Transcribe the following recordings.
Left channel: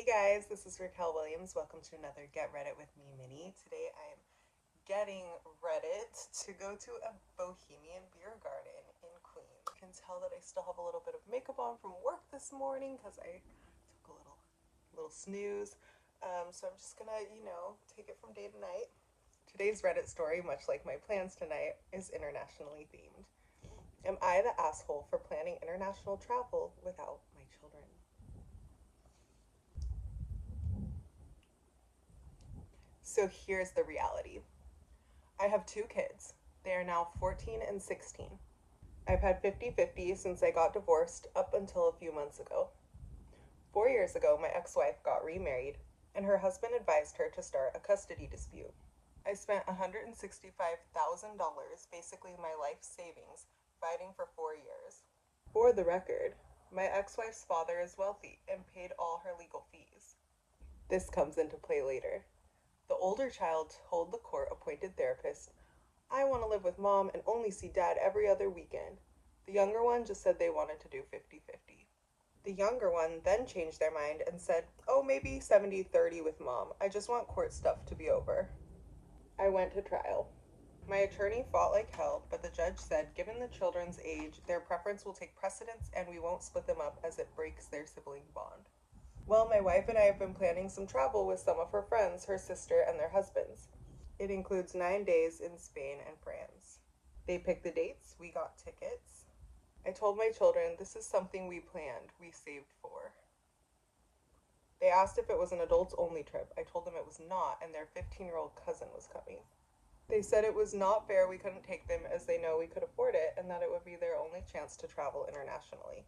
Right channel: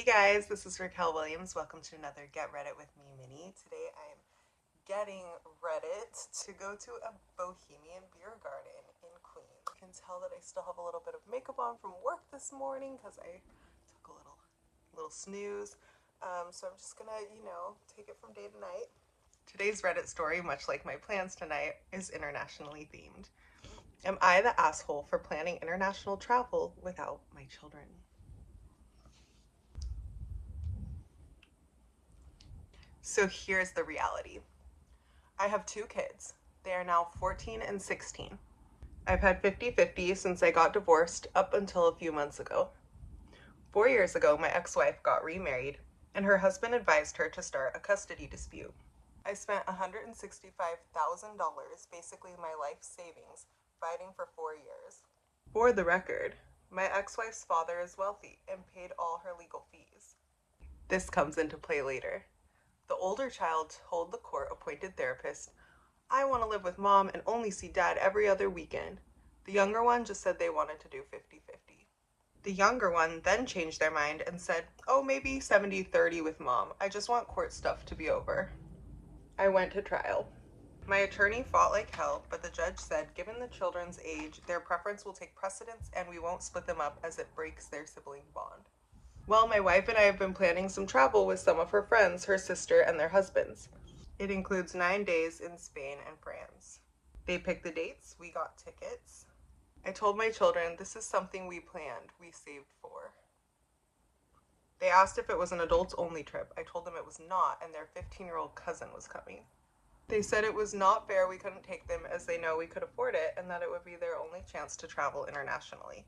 Hey guys, this is Raquel Williams. Welcome to another Get Reddit with Me mini. Today I am getting Reddit to go to a bohemian beer garden in Queens. You can tell that I still have a little bit of makeup on from work this morning because I took a little snooze. So I'm just gonna, take it from day to night. Today's Reddit story, much like my plans tonight, is internationally themed. Am I the asshole for planning international travel without my children? So here's the reality. I have two kids. They are now 14 and 16. I've had 50-50 since I got divorced up until a few months ago. 4 years ago, my ex-wife got remarried, and her husband advised her to start a custody dispute. I spent $165,000, basically my life savings, fighting for 4 years. For the record, my ex-wife's father is wealthy and paid all her legal fees. This comes into play later. The older child told the court-appointed therapist, "I want to live with mom and only see dad every other weekend." The younger one just said they wanted to do 50-50. The younger one then changed their mind and said, "Oh, maybe 70-30 with mom. I just want court stuff to be over." I went to trial. My attorney fought like hell, but the judge said, given the children's age, their preference will take precedence and we won't split them up as it breaks their sibling bond. Well, my wife and I have been planning some travel with some of her friends, her sister, and their husbands. It includes 9 days in Spain and France. They picked the dates, we got tickets. I told my children, this is something we planned, we saved for. They asked if it was an adults-only trip. I told them it was not, and their 15-year-old cousin was coming. They said it was not fair we couldn't take them as they know we could afford it and that it would be their only chance to travel internationally.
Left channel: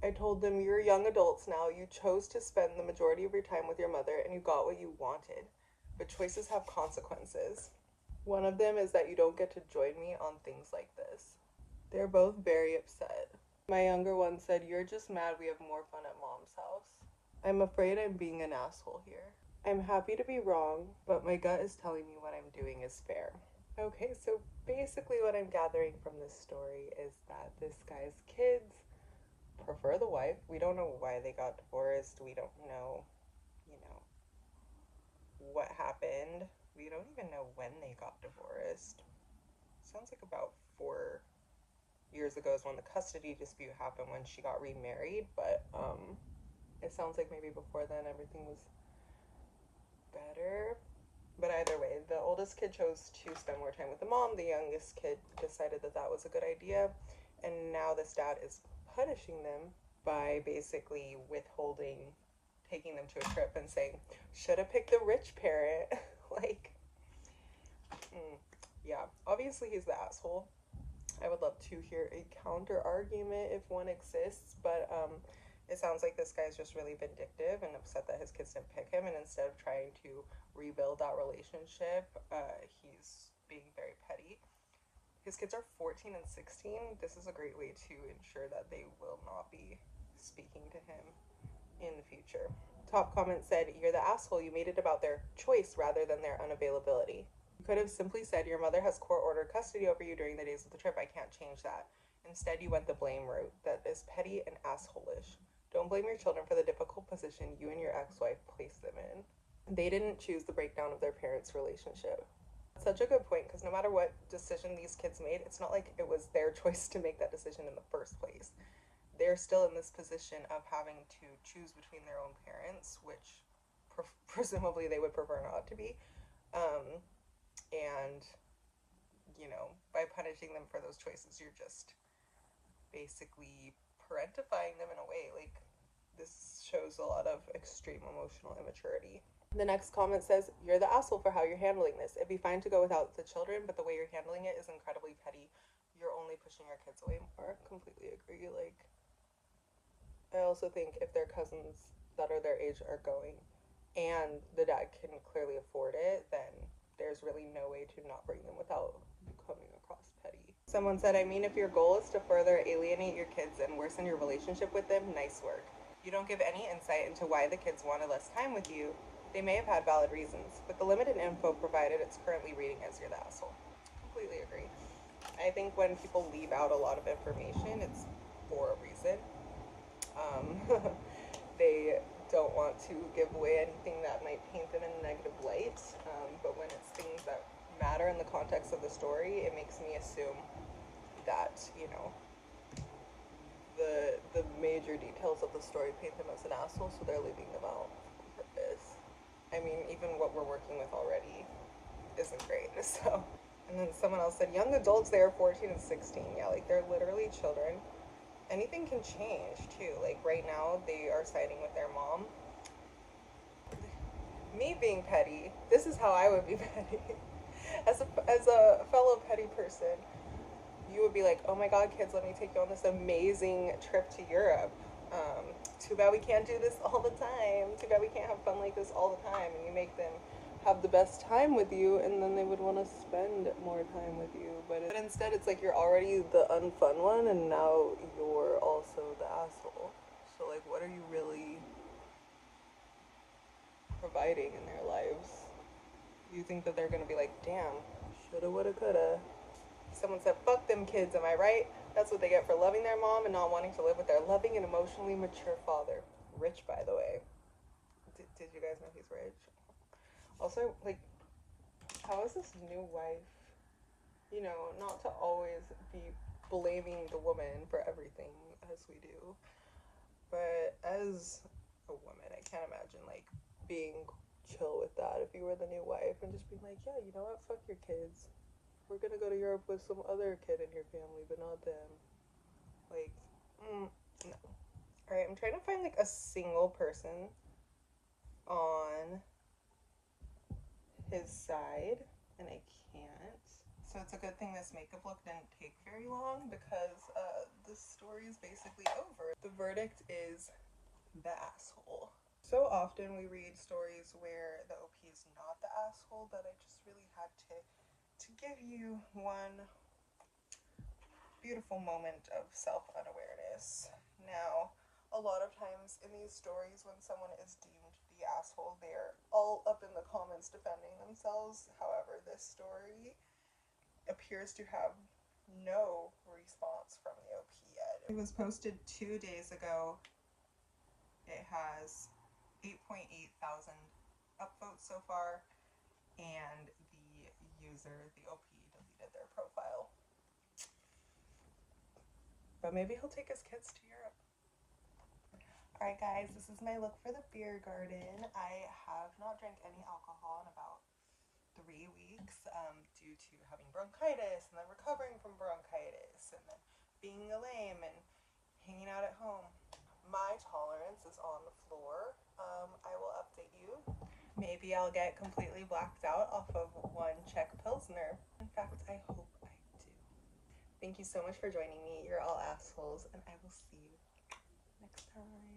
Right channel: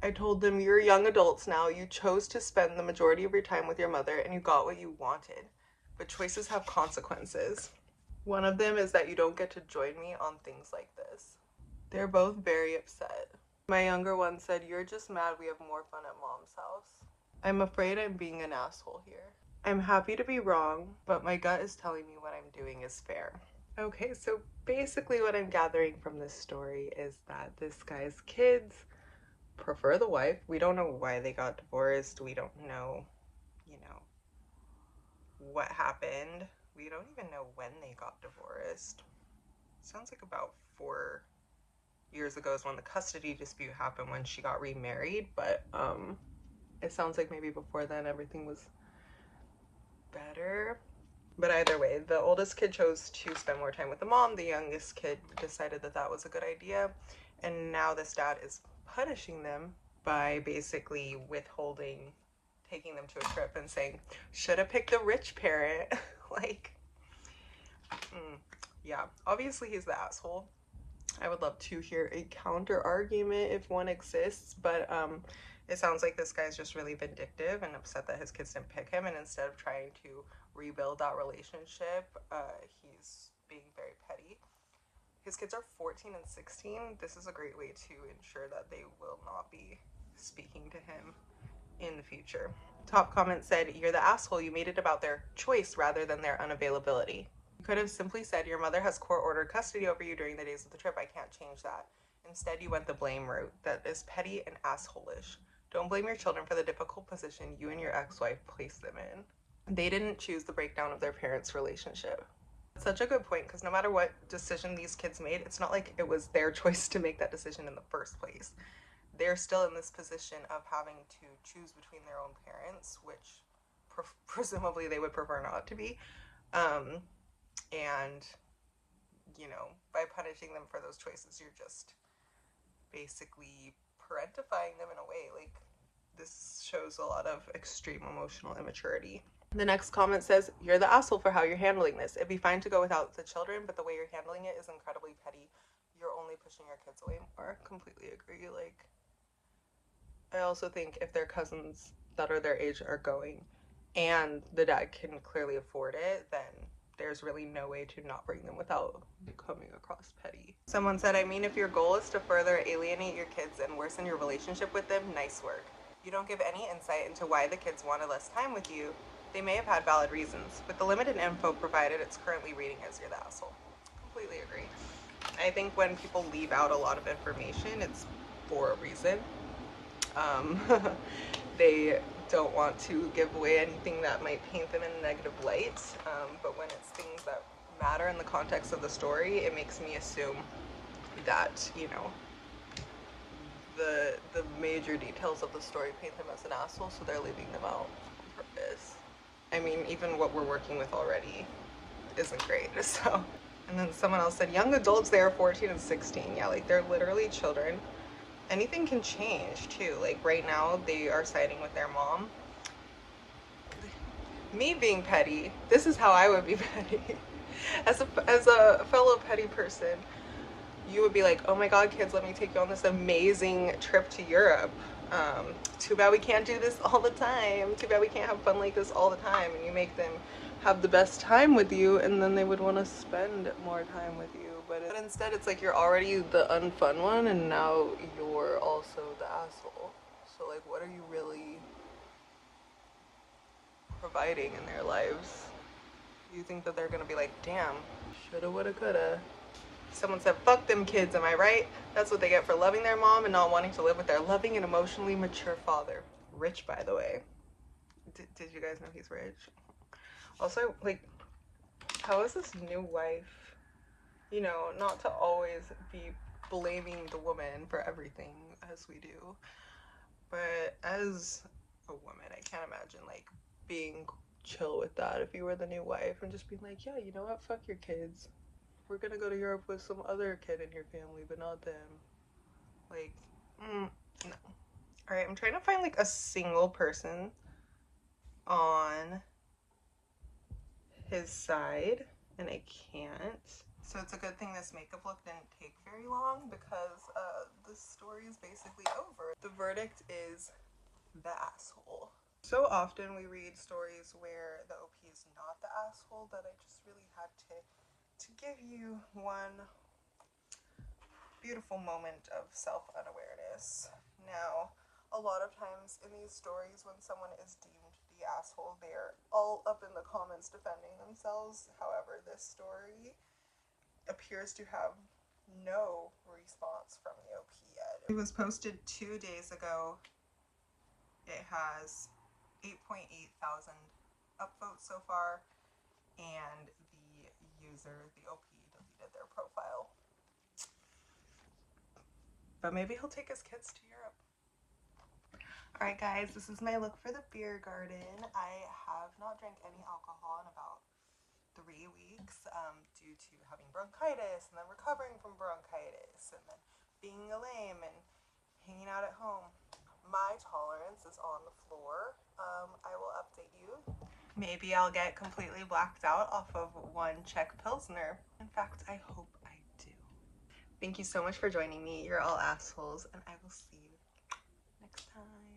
I told them, you're young adults now, you chose to spend the majority of your time with your mother and you got what you wanted. But choices have consequences. One of them is that you don't get to join me on things like this. They're both very upset. My younger one said, you're just mad we have more fun at mom's house. I'm afraid I'm being an asshole here. I'm happy to be wrong, but my gut is telling me what I'm doing is fair. Okay, so basically what I'm gathering from this story is that this guy's kids prefer the wife. We don't know why they got divorced. We don't know, what happened. We don't even know when they got divorced. Sounds like about 4 years ago is when the custody dispute happened when she got remarried, but it sounds like maybe before then everything was better. But either way, the oldest kid chose to spend more time with the mom. The youngest kid decided that that was a good idea. And now this dad is punishing them by basically withholding taking them to a trip and saying, should have picked the rich parent. Yeah, obviously he's the asshole. I would love to hear a counter argument if one exists, but it sounds like this guy's just really vindictive and upset that his kids didn't pick him, and instead of trying to rebuild that relationship, he's being very petty. His kids are 14 and 16. This is a great way to ensure that they will not be speaking to him in the future. Top comment said, you're the asshole, you made it about their choice rather tane their unavailability. You could have simply said, your mother has court-ordered custody over you during the days of the trip, I can't change that. Instead, you went the blame route. That is petty and asshole-ish. Don't blame your children for the difficult position you and your ex-wife placed them in. They didn't choose the breakdown of their parents' relationship. Such a good point, because no matter what decision these kids made, it's not like it was their choice to make that decision in the first place. They're still in this position of having to choose between their own parents, which presumably they would prefer not to be. And, by punishing them for those choices, you're just basically parentifying them in a way. This shows a lot of extreme emotional immaturity. The next comment says, you're the asshole for how you're handling this. It'd be fine to go without the children, but the way you're handling it is incredibly petty. You're only pushing your kids away more. Completely agree. I also think if their cousins that are their age are going and the dad can clearly afford it, then there's really no way to not bring them without coming across petty. Someone said, if your goal is to further alienate your kids and worsen your relationship with them, nice work. You don't give any insight into why the kids wanted less time with you. They may have had valid reasons. With the limited info provided, it's currently reading as you're the asshole. Completely agree. I think when people leave out a lot of information, it's for a reason. They don't want to give away anything that might paint them in a negative light, but when it's things that matter in the context of the story, it makes me assume that, you know, the major details of the story paint them as an asshole, so they're leaving them out on purpose. I mean, even what we're working with already isn't great, so. And then someone else said, young adults, they are 14 and 16. Yeah, like, they're literally children. Anything can change, too. Like, right now, they are siding with their mom. Me being petty, this is how I would be petty. As a fellow petty person, you would be like, oh my god, kids, let me take you on this amazing trip to Europe. Too bad we can't do this all the time. Too bad we can't have fun like this all the time. And you make them have the best time with you, and then they would want to spend more time with you. But instead, it's like you're already the unfun one, and now you're also the asshole. So, like, what are you really providing in their lives? You think that they're gonna be like, damn, shoulda, woulda, coulda. Someone said, fuck them kids, am I right? That's what they get for loving their mom and not wanting to live with their loving and emotionally mature father. Rich, by the way. Did you guys know he's rich? Also, like, how is this new wife, you know, not to always be blaming the woman for everything as we do, but as a woman, I can't imagine, like, being chill with that if you were the new wife and just being like, yeah, you know what, fuck your kids. We're gonna go to Europe with some other kid in your family, but not them. Like, no. Alright, I'm trying to find, like, a single person on his side, and I can't. So it's a good thing this makeup look didn't take very long, because the story is basically over. The verdict is the asshole. So often we read stories where the OP is not the asshole that I just really had to give you one beautiful moment of self-unawareness. Now, a lot of times in these stories when someone is deemed the asshole, they're all up in the comments defending themselves. However, this story appears to have no response from the OP yet. It was posted 2 days ago. It has 8.8 thousand upvotes so far, and the user, the OP, deleted their profile. But maybe he'll take his kids to Europe. Alright guys, this is my look for the beer garden. I have not drank any alcohol in about 3 weeks due to having bronchitis and then recovering from bronchitis and then being a lame and hanging out at home. My tolerance is on the floor. I will update you. Maybe I'll get completely blacked out off of one Czech Pilsner. In fact, I hope I do. Thank you so much for joining me. You're all assholes, and I will see you next time.